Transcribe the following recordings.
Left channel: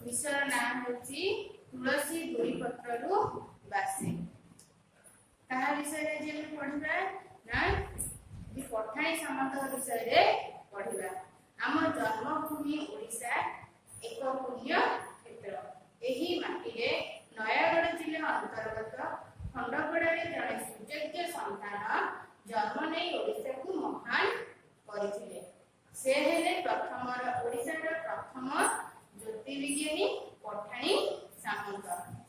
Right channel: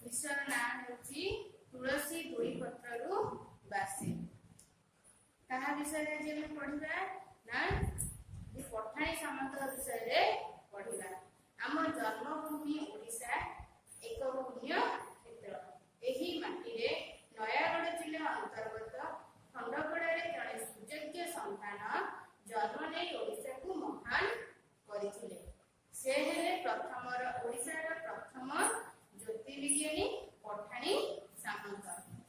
विषय ना होची तुलसी दुई पत्ररु बासे। कहा विषय रे जे पढिबा ना दि पठाणी सामंत विषय रे पढिबा। आम जन्मभूमि ओडिशा एक पुण्य क्षेत्र। एही माटी रे नयागढ़ जिला अंतर्गत खंडपड़ा रे जड़े सुयोग्य संतान जन्म नै ओडिशा को महान करिथिले। से हेले प्रथम ओडिशा रे प्रथम ज्योतिर्विज्ञानी पठाणी सामंत।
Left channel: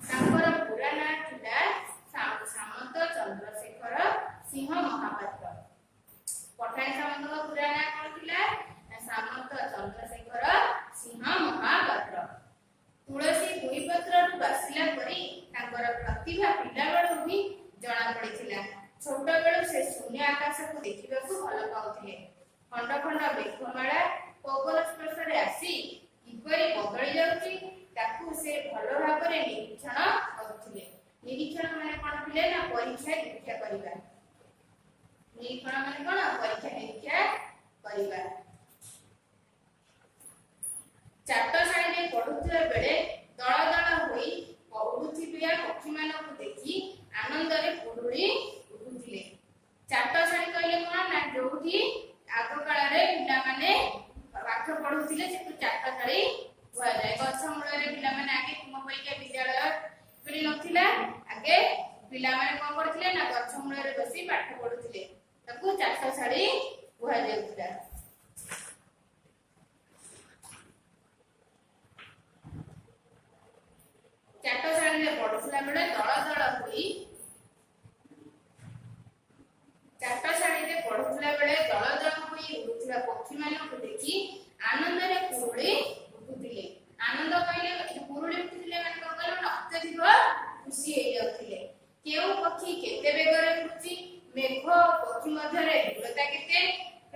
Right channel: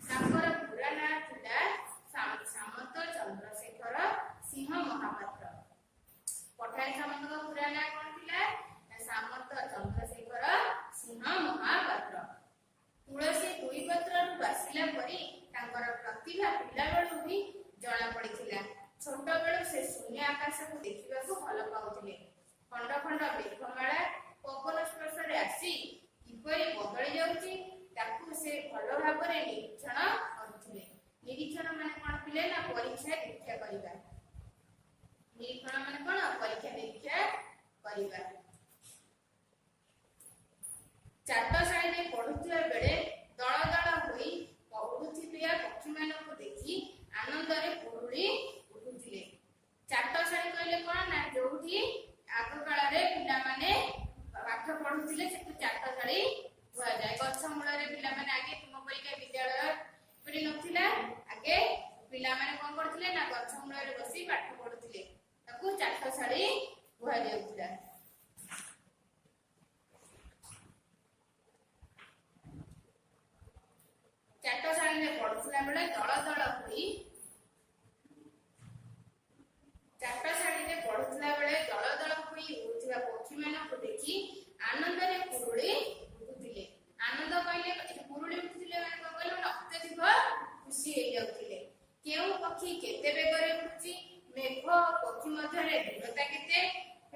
तांकर पूरा नाम थिला सामंत चंद्रशेखर सिंह महापात्र। पठाणी सामंत का पूरा नाम कोन थिला? सामंत चंद्रशेखर सिंह महापात्र। तुलसी दुई पत्र बासिला परी तांकर प्रतिभा पिला बेलु ही जणा पड़िथिला। छोट बेलु से शून्य आकाश को देखिबा को भल पाउथिले। खंड खंड मेघमाला पवन स्पर्श रे आसी किपरि बदली जाउची ताकू से भल भाबरे निरीक्षण करुथिले। निरीक्षण माने कोन थिले ना परीक्षा निरीक्षा करिबा। निरीक्षण माने कोन? परीक्षा निरीक्षा करिबा। चाटशाळी रे पढुथिबा बेले दळ दळ होई पढुथिबिया पक्षी मानकु देखि आनंद रे पुरुळी उठुथिले। चाटशाळी कहले कोन ना जोठी आगो काल रे पिला माने पाठ पढुथिले से चाटशाळी हुआ जाय। गछ मूल रे पिला माने आगे तुम परिका विद्यालय परि नथिला। आगे पिला माने कोन करथिले ना गछ मूल रे बसी पाठ पढुथिले। ताकू चाटशाळी हुआ जायतिला। चाटशाळी रे पढुथिला बेले दळ दळ होई चाटशाळी रे पढुथिला बेले दळ दळ होई उठुथिबा पक्षी मानकु देखि आनंद रे पुरुळी उठुथिले। आनंद कहले पुरुळी उठुथिले माने कोन कहले अत्यधिक खुशी हे जाउथिले। केउ पक्षी केते बेगरे उठुची मेघ पक्षी मध्य रे दूरता केते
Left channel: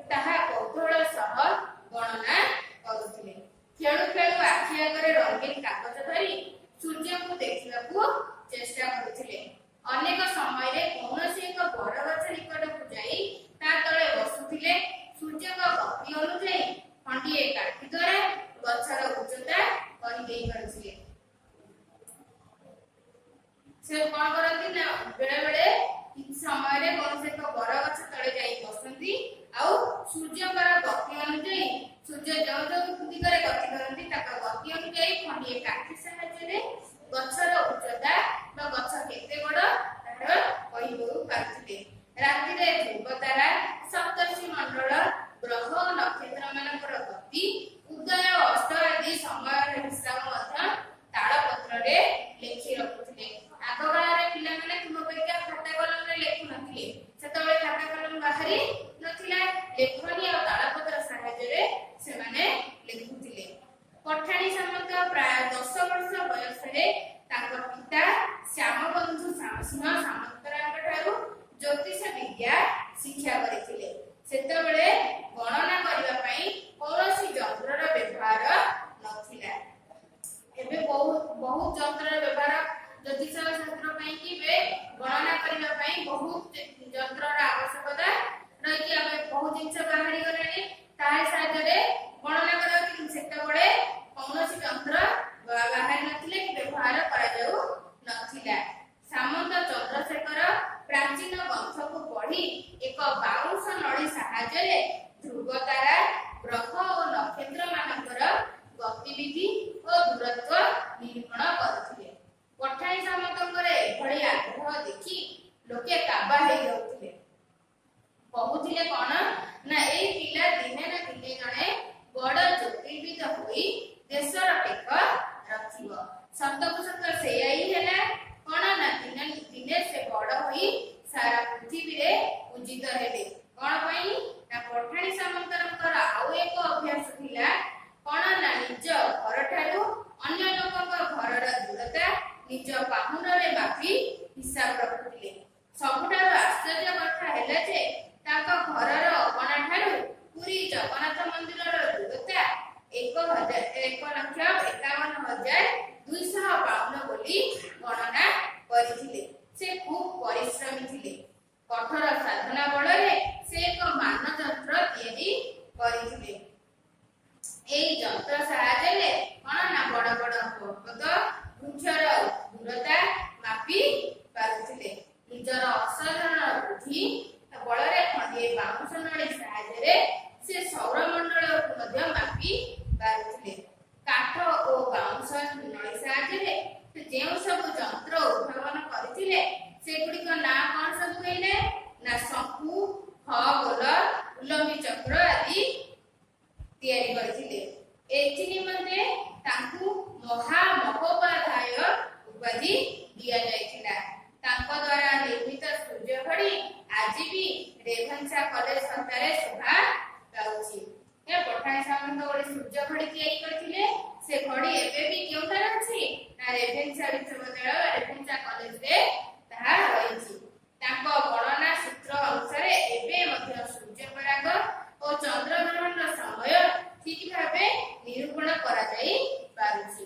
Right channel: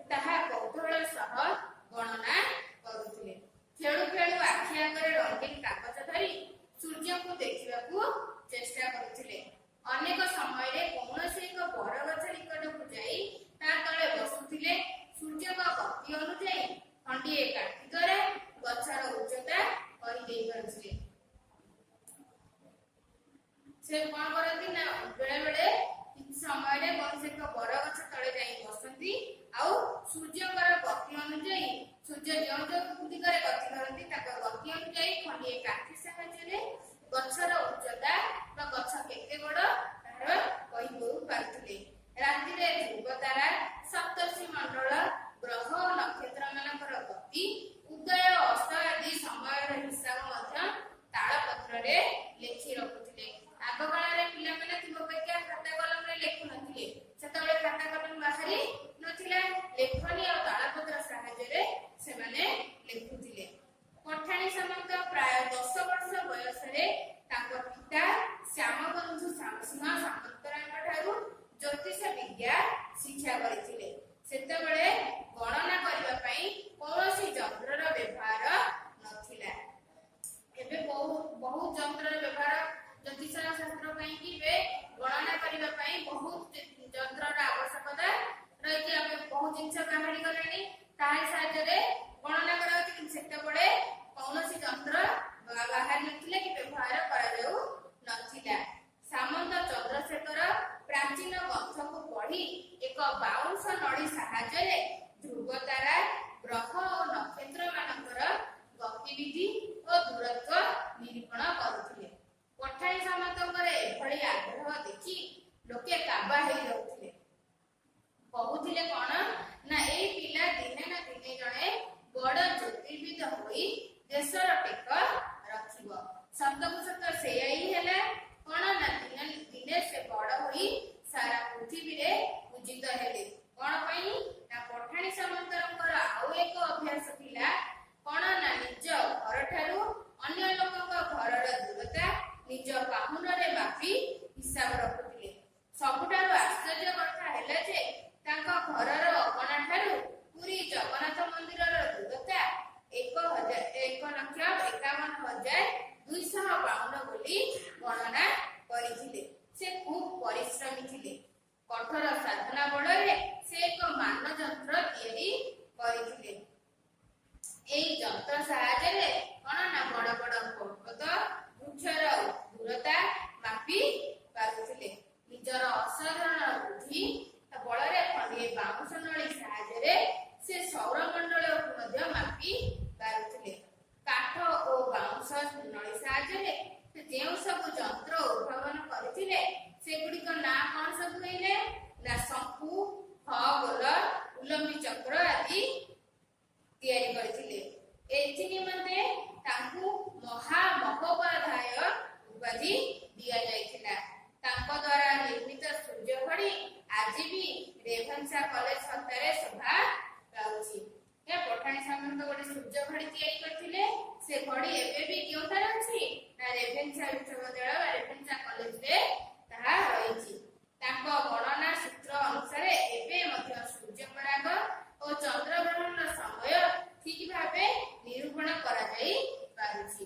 ताहा कौतूहल सह गणना करुथिले। खेळु खेळु आखि आगरे रंगीन कागज धरी सूर्य को देखिबा को चेष्टा करुथिले। अनेक समय रे कोनोसी एक बड़ गछ निकट को जाई ता तळे बसुथिले। सूर्य का गति अनुसार खंडिए काठी द्वारा गछर उच्चता कहि देई परथिले। से कोन करथि ना बेले बेले किछ समय रे कोनोसी एक बड़ गछ तळे जाई बसंती आउ सूर्य का गति अनुसार सूर्य जो जो दिगरे गति करंती ताका गति अनुसार खंडिए काठी सहायता रे गछर उच्चता बा गछ केते बड़ तार कहि दउ पारथिले। राति रे ध्रुव तारा सप्तर्षि मंडल ग्रह नक्षत्र मानकर गति उदय अस्त आदि समय हिसाब मध्य तालपत्र रे लेखि रखुथिले। आगो काल रे पिला माने तुम पेका खाता कलम रे लेखु नथिले। सेतबे खाता कलम बाहरी नथिला। लेखनी और तालपत्र सहायता रे से माने लेखुथिले। पठाणी सामंत प्राय 10 वर्ष बयस रे तांकर पिता श्यामबंधु सिंह सामंतरांग ठारू ज्योतिष विद्या शिक्षा करिथिले। सेतबेले गणना करिबा पई कोनोसी यंत्रर व्यवहार नथिला। एबे बहुत यंत्रर व्यवहार ज्योतिष शास्त्र पई कि बे गणना करिबा पई बहुत यंत्रर आवश्यकता रहिछि। आबे बहुत जिंस बाहरी गलेनी ताहे साथ रे गणना करथि। सेतबेले कोनोसी यंत्र बाहरी नथिले कि व्यवहार करा जाऊ नथिला। सामंत चंद्रशेखर प्राचीन ग्रंथ को पढ़ी एक बाउंस नड़ी साहाय्य ध्रुव तारा ग्रह और नक्षत्र मानकर गतिविधि और दूरत्व निरूपण करुथिले। पठाणी सामंतଙ୍କର एभଳି आग्रह देखि लोके काबा हे जाउथिले। कहुथिले कोन ना एई पिला दिने ना दिने जणे बड़ ज्योतिर्विद होई देशर टेक रखिबो। सतकु सत सेयाई हेला कोन ना दिने से बड़ होई सारा पृथ्वी रे पूजित हेले। कोन पई ना पठाणी सामंतरଙ୍କର आउ एक अभ्यास थिला कोन ना निज घर ठारू अन्य लोकଙ୍କ घरर दूरता निज पाहुन रे बाकी हिसाब रखुथिले। सबुठार आश्चर्य कथा हेला जे ताका घरर अगणा ठारू पुरी जगन्नाथ मंदिरर दूरता 1,51,200 बोली गणना करिथिले। से खूब परिश्रमी थिले। कठोर साधना बଳରେ से एक मान यंत्र तैयारी करिथिले। एई यंत्र साहाय्य कोन ना बड़ बड़ ଅସାଧାରଣ ବୁଦ୍ଧି ବଳରେ ଖଣ୍ଡିଏ ବାଉଁଶ ନଳୀ ସାହାଯ୍ୟରେ ସେ ସୌରମଣ୍ଡଳକୁ ମଧ୍ୟ ମାପି ପାରୁଥିଲେ। କାଠ ଓ ବାଉଁଶ ନଳୀ ସାହାଯ୍ୟରେ ସେ ଯେଉଁ ସବୁ ଯନ୍ତ୍ର ଉଦ୍ଭାବନ କରିଥିଲେ ସେଗୁଡ଼ିକ ନାଁ କଣ ସବୁ କହିଲେ? ନା ଶଙ୍ଖୁ, ଖଗୋଲ, ଉଲମ୍ବୀ ଚକ୍ର ଆଦି ତିଆରି କରିଥିଲେ। ଏଥି ନିମନ୍ତେ ତାଙ୍କୁ ମହାମହୋପାଧ୍ୟାୟ ଉପାଧି ଦିଆଯାଇଥିଲା। ତାଙ୍କ ଦ୍ୱାରା ନିର୍ମିତ ସୂର୍ଯ୍ୟ ଘଡ଼ି ଆଜି ବି ରେଭେନ୍ସା କଲେଜ ହତାରେ ଶୋଭା ପାଉଛି। ପଠାଣି ସାମନ୍ତ ଗୋଟେ ସୂର୍ଯ୍ୟ ଘଡ଼ି ତିଆରି କରିଥିଲେ। ସେ ଘଡ଼ି ଏବେ ବି କେଉଁଠାରେ ଅଛି? ନା ରେଭେନ୍ସା ବିଶ୍ୱବିଦ୍ୟାଳୟ ରେଭେନ୍ସା କଲେଜରେ ତାହା ରହିଛି। ତାଙ୍କ ଗଣନା ସୂତ୍ର ଅନୁସାରେ ଏବେ ମଧ୍ୟ ସୂର୍ଯ୍ୟପରାଗ ଓ ଚନ୍ଦ୍ରଗ୍ରହଣର ସମୟ ଠିକ ଭାବେ ନିରୂପଣ କରାଯାଇ ପାରୁଛି।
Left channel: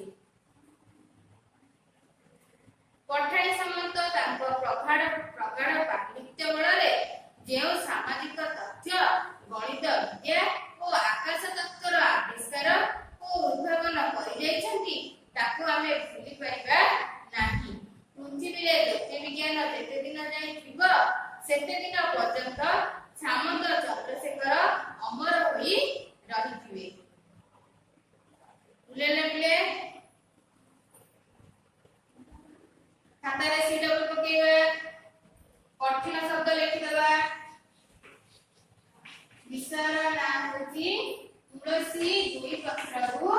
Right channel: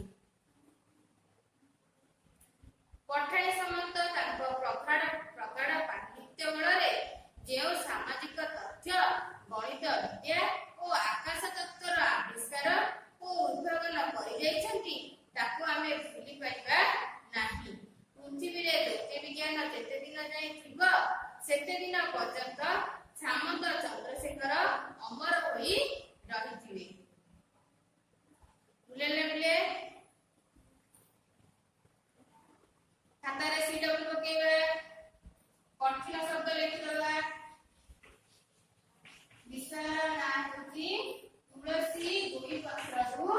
ପଠାଣି ସାମନ୍ତ ତାଙ୍କ ପ୍ରଗାଢ଼ ପାଣ୍ଡିତ୍ୟ ବଳରେ ଯେଉଁ ସାମାଜିକ ତଥ୍ୟ, ଗଣିତ ବିଦ୍ୟା ଓ ଆକାଶ ତତ୍ତ୍ୱର ଆବିଷ୍କାର ଓ ଉଦ୍ଭାବନ କରିଯାଇଛନ୍ତି ତାକୁ ଆମେ ଭୁଲି ପାରିବା ନାହିଁ। ପୃଥିବୀରେ ଜ୍ୟୋତିର୍ବିଜ୍ଞାନ ଯେତେ ଦିନ ଯାଏ ଥିବ ସେତେ ଦିନ ପର୍ଯ୍ୟନ୍ତ ସାମନ୍ତ ଚନ୍ଦ୍ରଶେଖର ଅମର ହୋଇ ରହିଥିବେ। ଖାତାରେ ସିଡବ୍ଲ୍ୟୁ ପକେଇବା, କଠିନ ଶବ୍ଦ ଲେଖିଦେବା। ବିଷୟର ନାଁ ହେଉଛି ତୁଳସୀ ଦୁଇ ପତ୍ରରୁ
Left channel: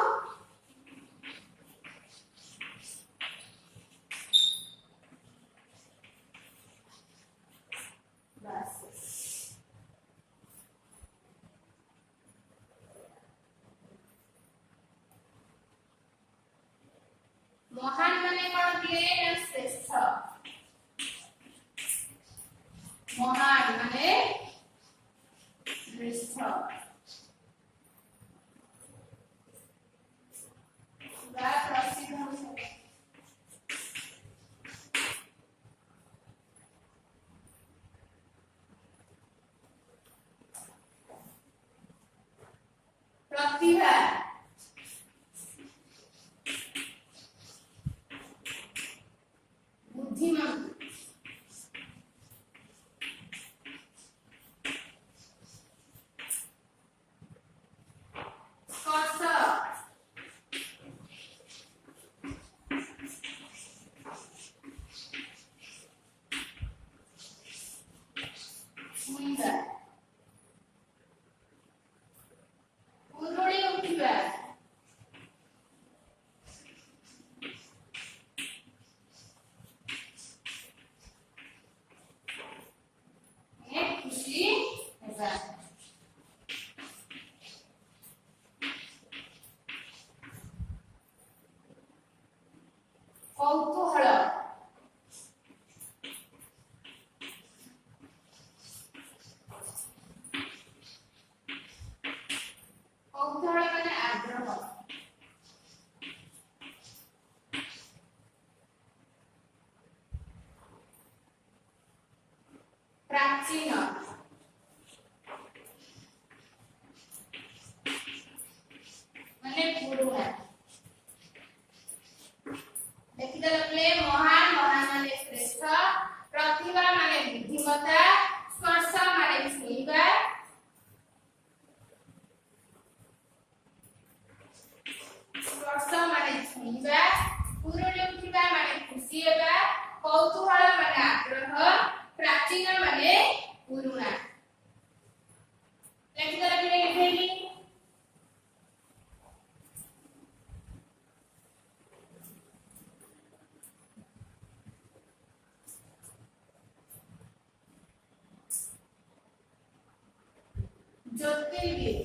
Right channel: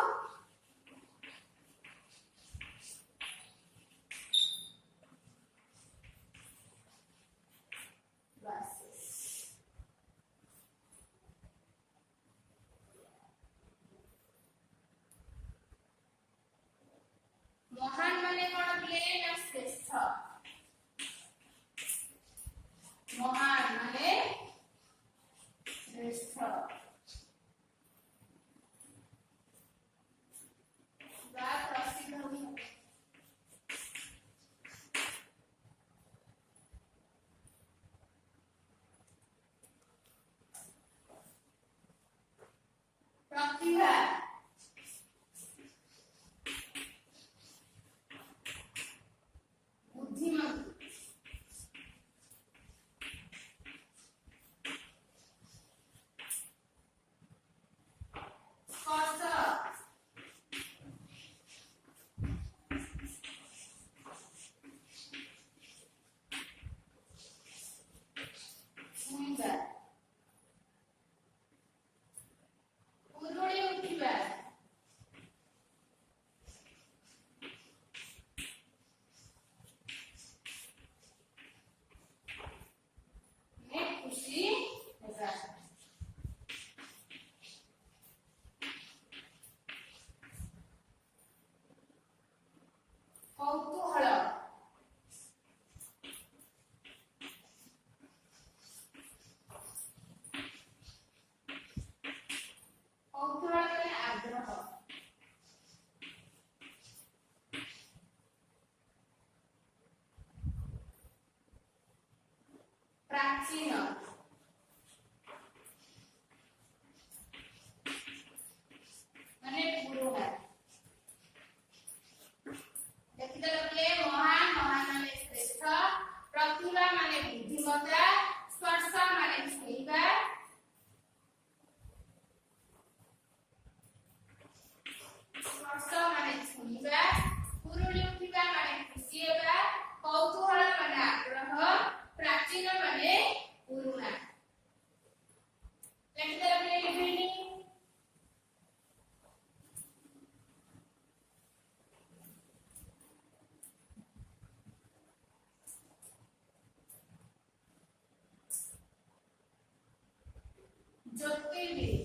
महान माने कौन थे? ना श्रेष्ठ। महान माने श्रेष्ठ। प्रसिद्ध प्रतिभा, बुद्धिमान, स्पर्श, छुइबा, उरुड़ी उठिबा, खुशी हेबा, कौतूहल, कौतूहल माने आग्रह, प्राचीन माने पुरुଣା। देखिदले महान, महान माने श्रेष्ठ, प्रतिभा माने बुद्धिमत्ता, स्पर्श माने छुइबा, स्पर्श माने छुइबा, पुरुणी उठिबा माने खुशी हेबा, कौतूहल माने आग्रह, प्राचीन माने पुरुଣା। देखिदले लिखेली ज्योतिर्विद,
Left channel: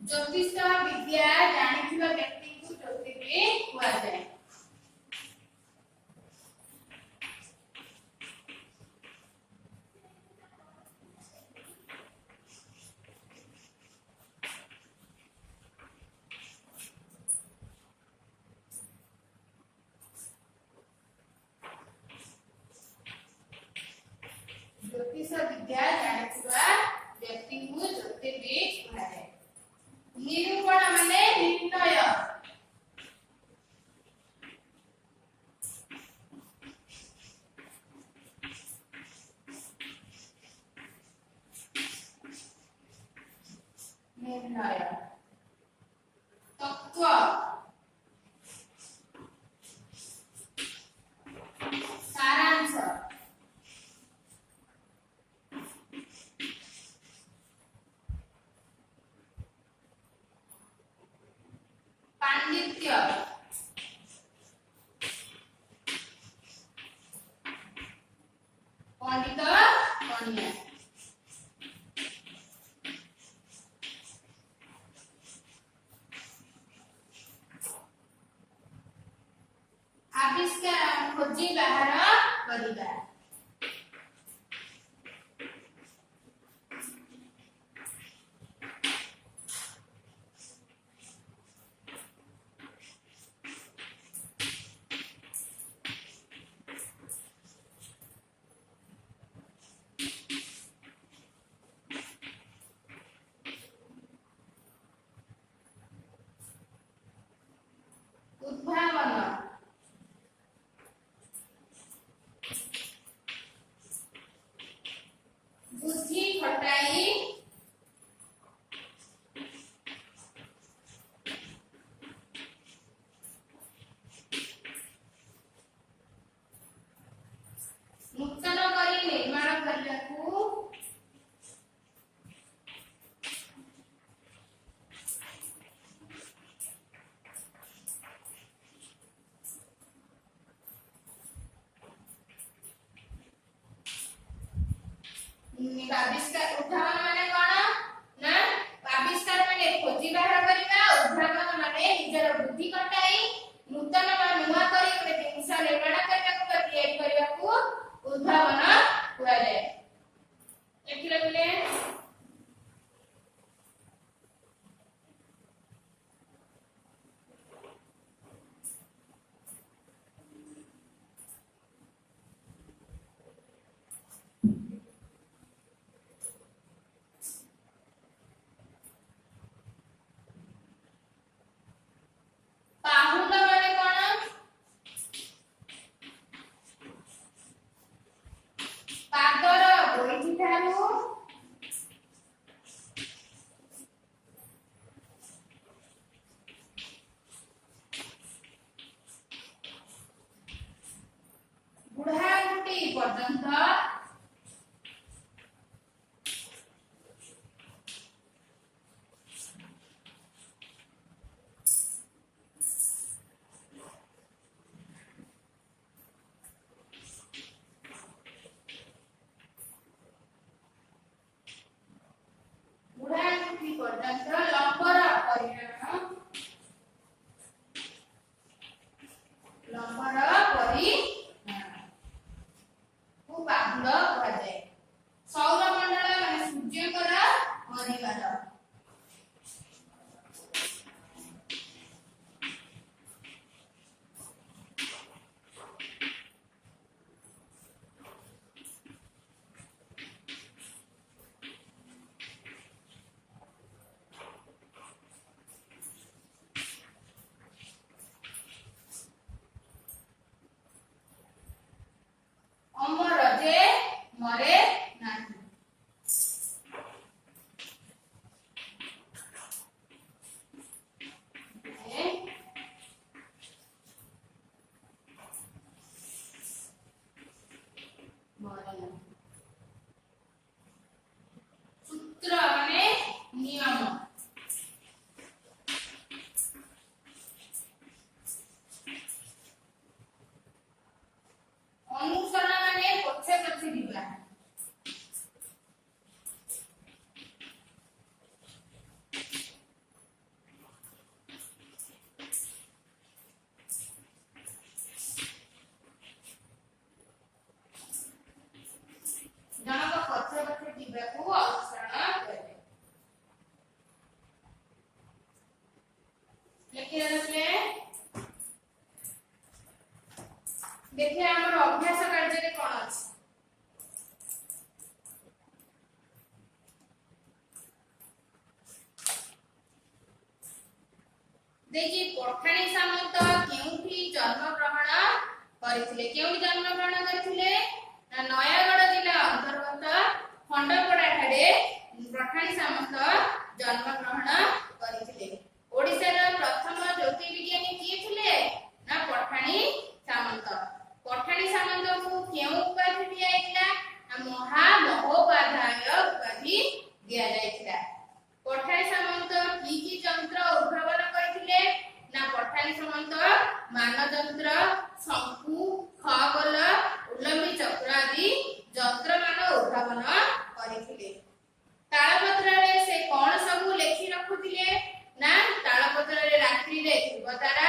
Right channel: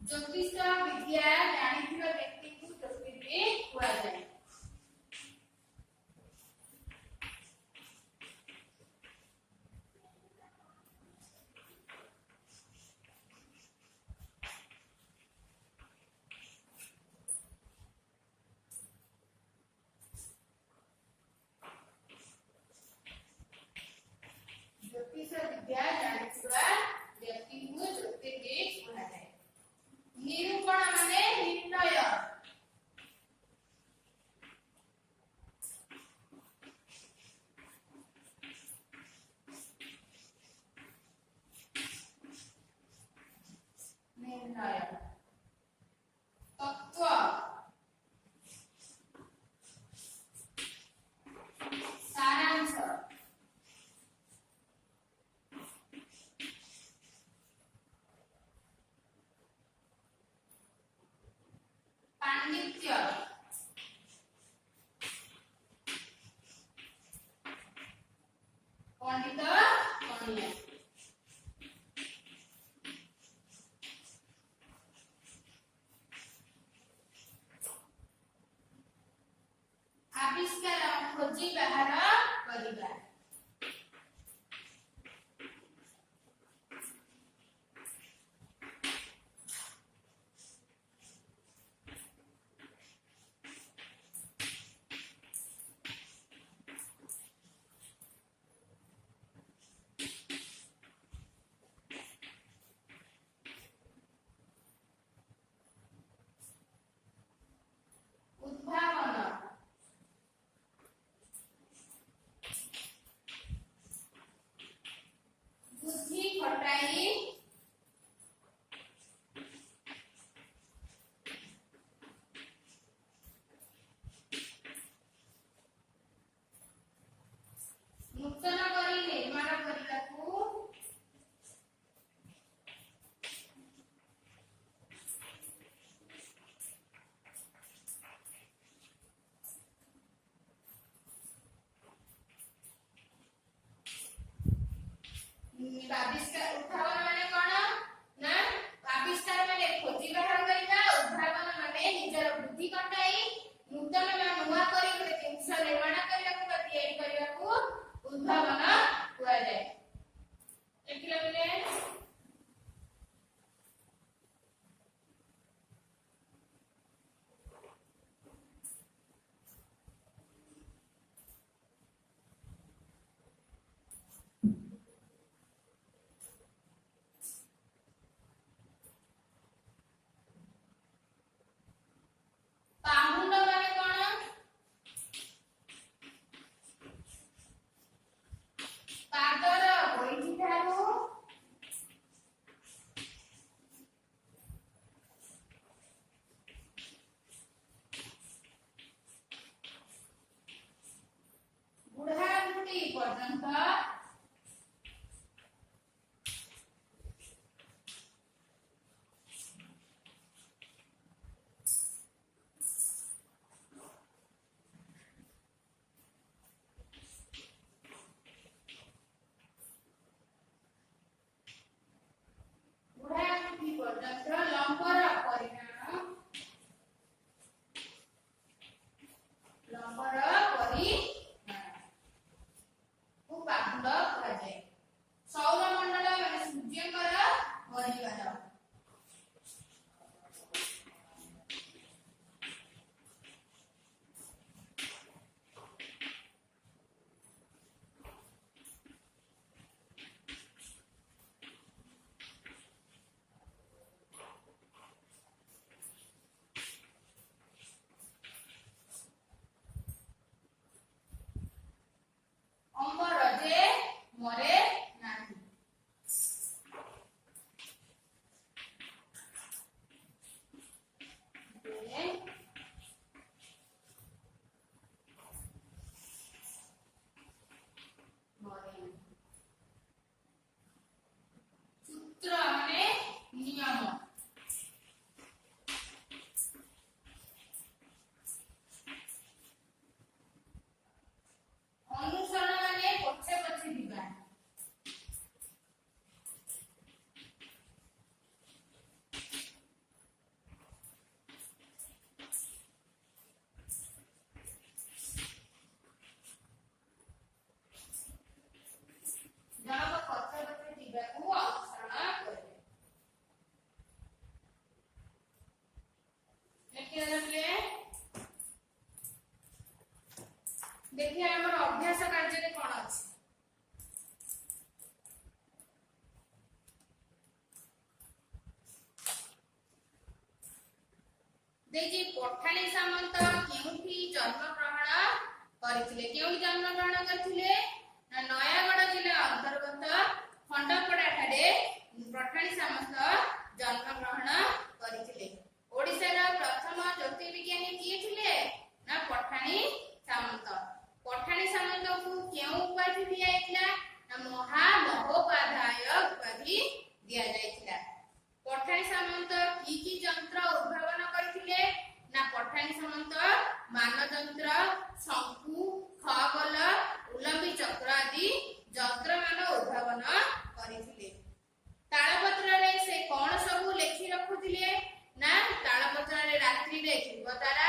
ज्योतिष विद्या जानिथिबा व्यक्ति को ज्योतिर्विद हुआ जाए। ज्योतिष विद्या जानिथिबा व्यक्ति को ज्योतिर्विद हुआ जाए। पांडित्य पंडित पणिया आविष्कार खोजी बाहर करिबा उद्भावन बुद्धि खटाई नूतन करी निर्माण करलाकू आविष्कार उद्भावन माने कोन ना आविष्कार माने खोजी बाहर करबा उद्भावन माने निजर बुद्धि कटाई नूतन नुआ करी गोटे जिनिस निर्माण करबा को तैयारी करबा को उद्भावन हुआ जाए देखिले बोले पाहुंड माने कोन पादर गोइठी ठारू बुढ़ाबुढ़ी पर्यंत बुढ़ाबुढ़ी पर्यंत लंबर परिणाम लंबर परिणाम को पाहुंड कहा जाए सौरमंडल माने सूर्यकर परिवार अमर जे मरे नाही सूत्र माने नियम अनुसरण माने पछे पछे दिबा जनक पछे पछे दिबा को अनुसरण करे लेकिन रखले देखिए हमर अभ्यास कार्य रे कोन अछि देखिए पठाणी सामंत केउठी जन्म ग्रहण करथिले केउठी जन्म ग्रहण करथिले नयागढ़ जिला अंतर्गत खंडपड़ा ठारे पठाणी सामंत जन्म ग्रहण करथिले ओडिसा रा प्रथम ज्योतिर्विज्ञानी किए थिले ना पठाणी सामंत पठाणी सामंत को केउ उपाधि दिया जायतिला महामहोपाध्याय उपाधि दिया जायतिला पठाणी सामंत की जंत्र उद्भावन करथिले ना ପଠାଣି ସାମନ୍ତ ମାନଯନ୍ତ୍ର, ଶଙ୍କୁ, ଖଗୋଲ, ଉଲମ୍ବୀ ଚକ୍ର ଆଦି ଯନ୍ତ୍ରମାନ ଉଦ୍ଭାବନ କରିଥିଲେ। ତାଳପତ୍ରରେ ସେ କଣ ସବୁ ଲେଖି ରଖୁଥିଲେ ନା ତାଳପତ୍ରରେ ରାତ୍ରିରେ ଧ୍ରୁବତାରା,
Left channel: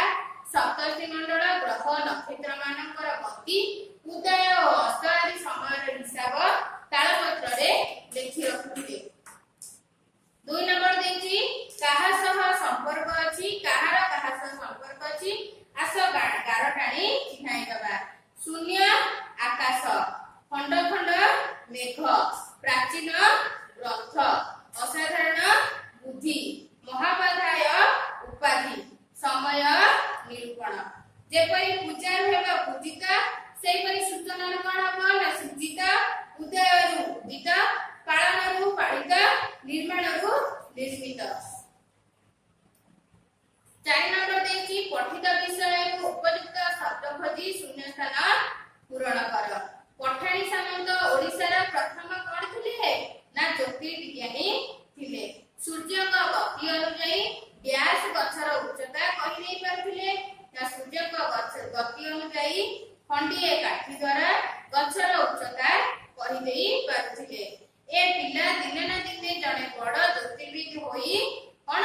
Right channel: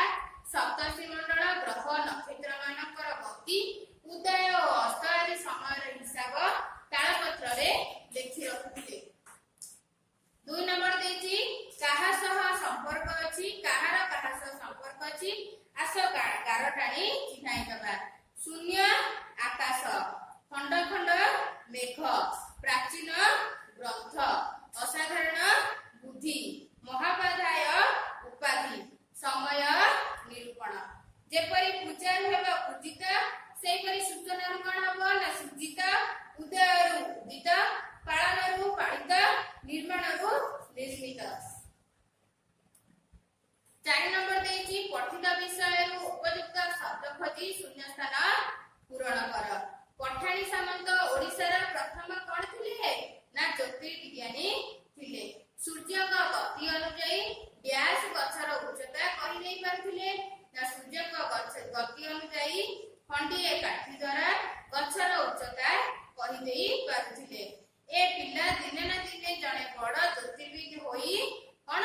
ସପ୍ତର୍ଷି ମଣ୍ଡଳ, ଗ୍ରହ ନକ୍ଷତ୍ର ମାନଙ୍କର ଗତି, ଉଦୟ ଓ ଅସ୍ତ ଆଦି ସମୟର ହିସାବ ତାଳପତ୍ରରେ ଲେଖି ରଖୁଥିଲେ। 2 ନମ୍ବର ଦେଇଛି କାହା ସହ ସମ୍ପର୍କ ଅଛି, କାହାର କାହା ସହ ସମ୍ପର୍କ ଅଛି, ଆସ ଗାର ଟାଣି ଚିହ୍ନାଇ ଦେବା। ଶୂନ୍ୟ ଆକାଶ, ଖଣ୍ଡ ଖଣ୍ଡ ମେଘ, ପ୍ରାଚୀନ ଗ୍ରନ୍ଥ, ଅସାଧାରଣ ବୁଦ୍ଧି, ମହାପାଧ୍ୟାୟ ଉପାଧି, ସମୟ ନିରୂପଣ। ଯେପରି ପୂଜାରୁ ହେବ ପୂଜିତା, ସେହିପରି ସୂଚନାରୁ କଣ ହବ ନା ସୂଚିତା, ଉଦୟରୁ ଉଦିତ, ପାଳନରୁ ପାଳିତ, ନିର୍ମାଣରୁ ନିର୍ମିତ। 4 ନମ୍ବର ଦେଇଛି ପଠିତ ବିଷୟରୁ ଉପଯୁକ୍ତ ଶବ୍ଦ ଖୋଜି ଶୂନ୍ୟସ୍ଥାନ ପୂରଣ କର। ପଠାଣି ସାମନ୍ତ ଓଡ଼ିଶାର ପ୍ରଥମ କଣ ଥିଲେ ନା ଜ୍ୟୋତିର୍ବିଜ୍ଞାନୀ ଥିଲେ। ସୂର୍ଯ୍ୟଙ୍କ ଗତି ଅନୁଯାୟୀ ଡ୍ୟାସ୍ ଗଛର ଉଚ୍ଚତା କହିଦେଇ ପାରୁଥିଲେ ନା ସୂର୍ଯ୍ୟଙ୍କ ଗତି ଅନୁଯାୟୀ ଖଣ୍ଡିଏ କାଠି ଦ୍ୱାରା ଗଛର ଉଚ୍ଚତା କହିଦେଇ ପାରୁଥିଲେ। ଏ ପିଲା ଦିନେ ନା ଦିନେ ଜଣେ ବଡ଼ ଜ୍ୟୋତିର୍ବିଦ ହୋଇ କଣ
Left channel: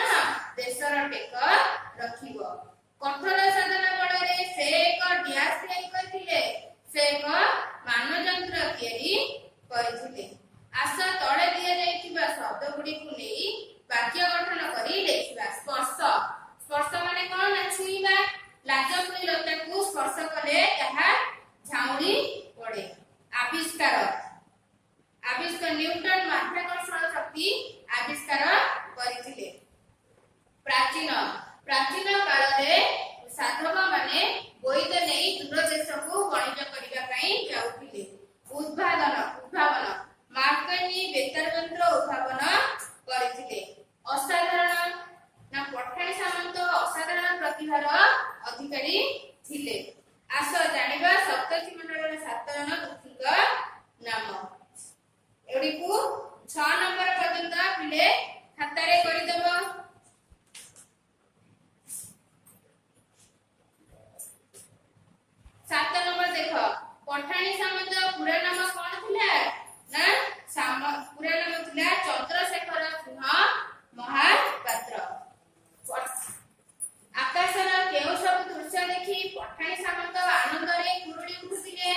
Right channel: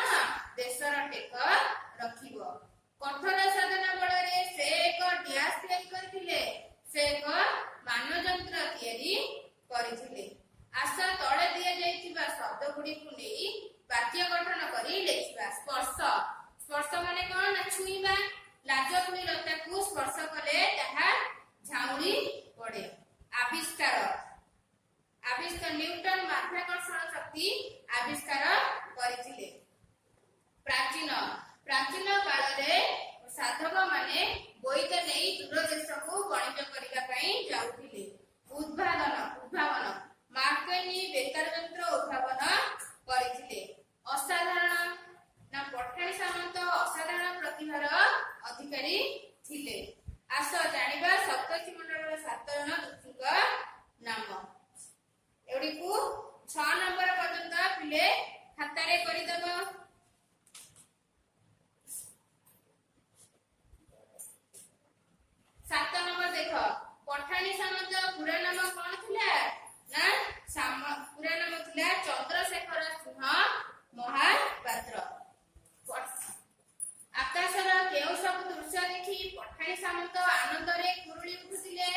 ଦେଶର ଟେକ ରଖିବ। କଠୋର ସାଧନା ବଳରେ ସେ ଏକ ଡ୍ୟାସ୍ ତିଆରି କରିଥିଲେ, ସେ ଏକ ମାନଯନ୍ତ୍ର ତିଆରି କରିଥିଲେ। ଆସ ତଳେ ଦିଆଯାଇଥିବା ଶବ୍ଦ ଗୁଡ଼ିକୁ ନେଇ ବାକ୍ୟ ଗଠନ କରି ଲେଖିବା। ସ୍ପର୍ଶ, ସ୍ପର୍ଶ ମାନେ କଣ ନା ଛୁଇଁବା। ଲାଜକୁଳି ଲତାକୁ ସ୍ପର୍ଶ କଲେ ତାହା ଝାଉଁଳି ପଡେ। ଆବିଷ୍କାର, ଆବିଷ୍କାର ନ୍ୟୁଟନ ମାଧ୍ୟାକର୍ଷଣ ଶକ୍ତି ଆବିଷ୍କାର କରିଥିଲେ। ପ୍ରାଚୀନ, ପ୍ରାଚୀନ କାଳରେ ସାଧବ ମାନେ ବୋଇତ ନେଇ ଦୂର ଦେଶକୁ ବାଣିଜ୍ୟ କରିବା ପାଇଁ ଯାଉଥିଲେ। ଉଦ୍ଭାବନ, ଉଦ୍ଭାବନ ମାର୍କନି ବେତାର ଯନ୍ତ୍ର ଉଦ୍ଭାବନ କରିଥିଲେ। ଅସାଧାରଣ ନା ପଠାଣି ସାମନ୍ତ ଅସାଧାରଣ ପ୍ରତିଭାର ଅଧିକାରୀ ଥିଲେ। ଆସ ଜାଣିବା ସପ୍ତର୍ଷି ମଣ୍ଡଳର 7 ଜଣ ଋଷିଙ୍କ ନାମ। ଏଗୁଡ଼ିକୁ 6 ନମ୍ବର ପର୍ଯ୍ୟନ୍ତ ପିଲେ ଖାତାରେ କରିଦେବ। 7 ନମ୍ବର ଦେଖ, ପଠାଣି ସାମନ୍ତ ପୁରା ନାମ କଣ ଥିଲା ନା ପୁରା ନାମ ଥିଲା ଚନ୍ଦ୍ରଶେଖର ସିଂହ ମହାପାତ୍ର। ଆକାଶର କେଉଁ ସବୁ ଦୃଶ୍ୟ ଦେଖି ପଠାଣି ସାମନ୍ତ ଆନନ୍ଦରେ କୁରୁଳି ଉଠୁଥିଲେ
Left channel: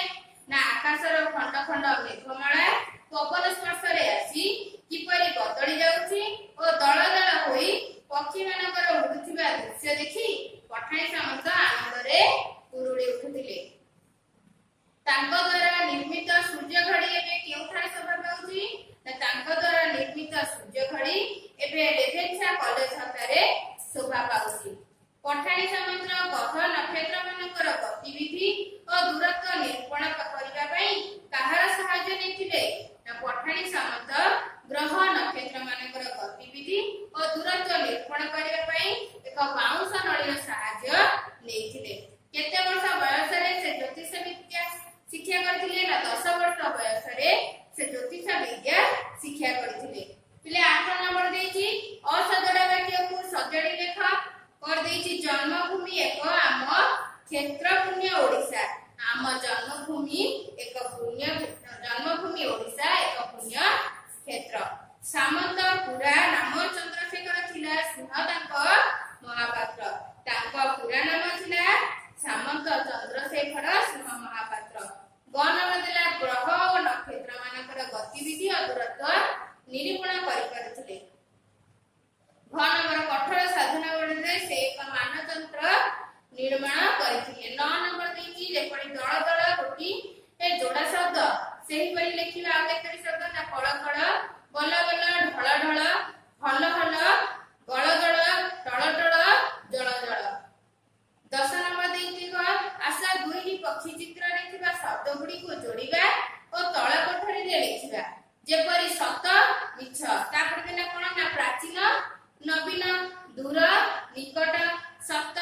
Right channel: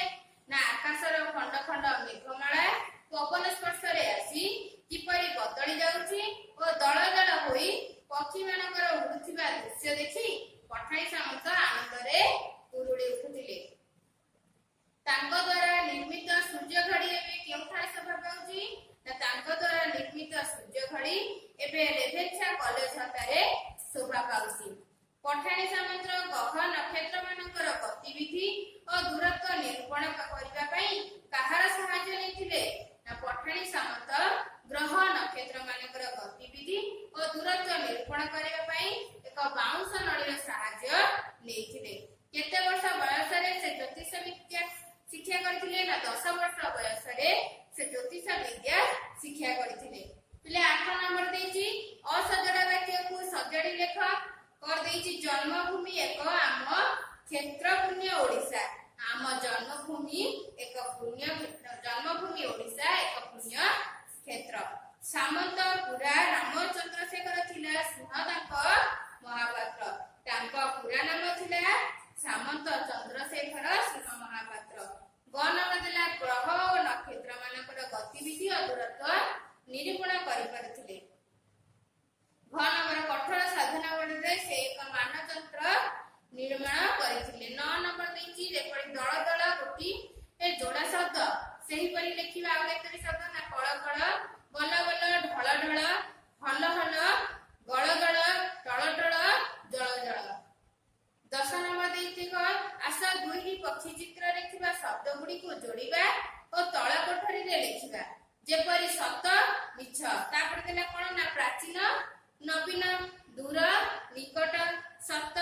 ନା ଆକାଶର ଖଣ୍ଡ ଖଣ୍ଡ ମେଘମାଳା ପବନ ସ୍ପର୍ଶରେ ଆସି କିପରି ବଦଳି ଯାଉଛି ଓ ଦଳ ଦଳ ହୋଇ ପକ୍ଷୀ ମାନଙ୍କର ଉଡୁଥିବା ଦୃଶ୍ୟ ଦେଖି ପଠାଣି ସାମନ୍ତ ଆନନ୍ଦରେ କୁରୁଳି ଉଠୁଥିଲେ। ତାଙ୍କ ଦ୍ୱାରା ନିର୍ମିତ ସୂର୍ଯ୍ୟ ଘଡ଼ି ଏବେ କେଉଁଠାରେ ଶୋଭା ପାଉଛି ନା ତାଙ୍କ ଦ୍ୱାରା ନିର୍ମିତ ସୂର୍ଯ୍ୟ ଘଡ଼ି ଏବେ ରେଭେନ୍ସା କଲେଜ ହତାରେ ଶୋଭା ପାଉଛି। ପଠାଣି ସାମନ୍ତ ଗ୍ରହ ନକ୍ଷତ୍ର ମାନଙ୍କର ଗତିବିଧି ଓ ଦୂରତ୍ୱ ନିରୂପଣ କରିବା ପାଇଁ କାହାର ସାହାଯ୍ୟ ନେଇଥିଲେ ନା ପଠାଣି ସାମନ୍ତ ଗ୍ରହ ନକ୍ଷତ୍ର ମାନଙ୍କର ଗତିବିଧି ଓ ଦୂରତ୍ୱ ନିରୂପଣ କରିବା ପାଇଁ ଏକ ବାଉଁଶ ନଳୀର ସାହାଯ୍ୟ ନେଇଥିଲେ। କେତେ ବର୍ଷ ବୟସରେ ସେ ଜ୍ୟୋତିଷ ବିଦ୍ୟା ଶିକ୍ଷା କରିଥିଲେ ନା 10 ବର୍ଷ ବୟସରେ ସେ ଜ୍ୟୋତିଷ ବିଦ୍ୟା ଶିକ୍ଷା କରିଥିଲେ। ପିଲେ 8 ନମ୍ବର ଦେଇଛି ଅସଜଡ଼ା ବାକ୍ୟକୁ ସଜାଡ଼ି ଲେଖ। कर ଦେଇଛି ଜନ୍ମଭୂମି ଏକ ଆମ କ୍ଷେତ୍ର ପୁଣ୍ୟ ଓଡ଼ିଶା। ଆମ ଜନ୍ମଭୂମି ଏକ ପୁଣ୍ୟ କ୍ଷେତ୍ର, ଜନ୍ମଭୂମି ଓଡ଼ିଶା ଏକ ପୁଣ୍ୟ କ୍ଷେତ୍ର। ସାମନ୍ତ ପୁରା ନାମ ଚନ୍ଦ୍ରଶେଖର ଥିଲା, ସିଂହ ତାଙ୍କ ମହାପାତ୍ର। ତାଙ୍କ ପୁରା ନାମ ଥିଲା ସାମନ୍ତ ଚନ୍ଦ୍ରଶେଖର ସିଂହ ମହାପାତ୍ର। ଗ ନମ୍ବର ଦେଲା ଗ୍ରହ ଓ ନକ୍ଷତ୍ର ମାନଙ୍କର ଗତିବିଧି ଓ ଦୂରତ୍ୱ ନିରୂପଣ କରିପାରୁଥିଲେ। ଘ ନମ୍ବର କଠୋର ସାଧନା ବଳରେ ସେ ଏକ ମାନଯନ୍ତ୍ର ନିର୍ମାଣ କରିଥିଲେ। 9 ନମ୍ବର ଦେଇଛି ଯେପରି ଦଳ ଦଳ ଗୋଟି ଏ ଯୋଡ଼ା ଶବ୍ଦ ସେହିପରି ଲେଖିବା। ଆଉ କେତୋଟି ଶବ୍ଦ ନା କଳ କଳ, ବଲ ବଲ, ଢଳ ଢଳ, ହଲ ହଲ, ଗଳ ଗଳ, ଟଳ ଟଳ, ଜଳ ଜଳ। 10 ନମ୍ବର ଦେଇଛି ଆସ ଦୁଇଟି ପକ୍ଷୀ ଚିତ୍ରରେ ଥିବା ଶବ୍ଦ ଗୁଡ଼ିକୁ ଯୋଡ଼ିବା ଓ ତଳ କୋଠରୀରେ ଲେଖିବା। ଯେପରି ସତ ମିଛ, ତାପରେ ଦେଲା କଣ ନା ପ୍ରାଚୀନ ନବୀନ, ଦୂର ନିକଟ, ସତ୍ୟ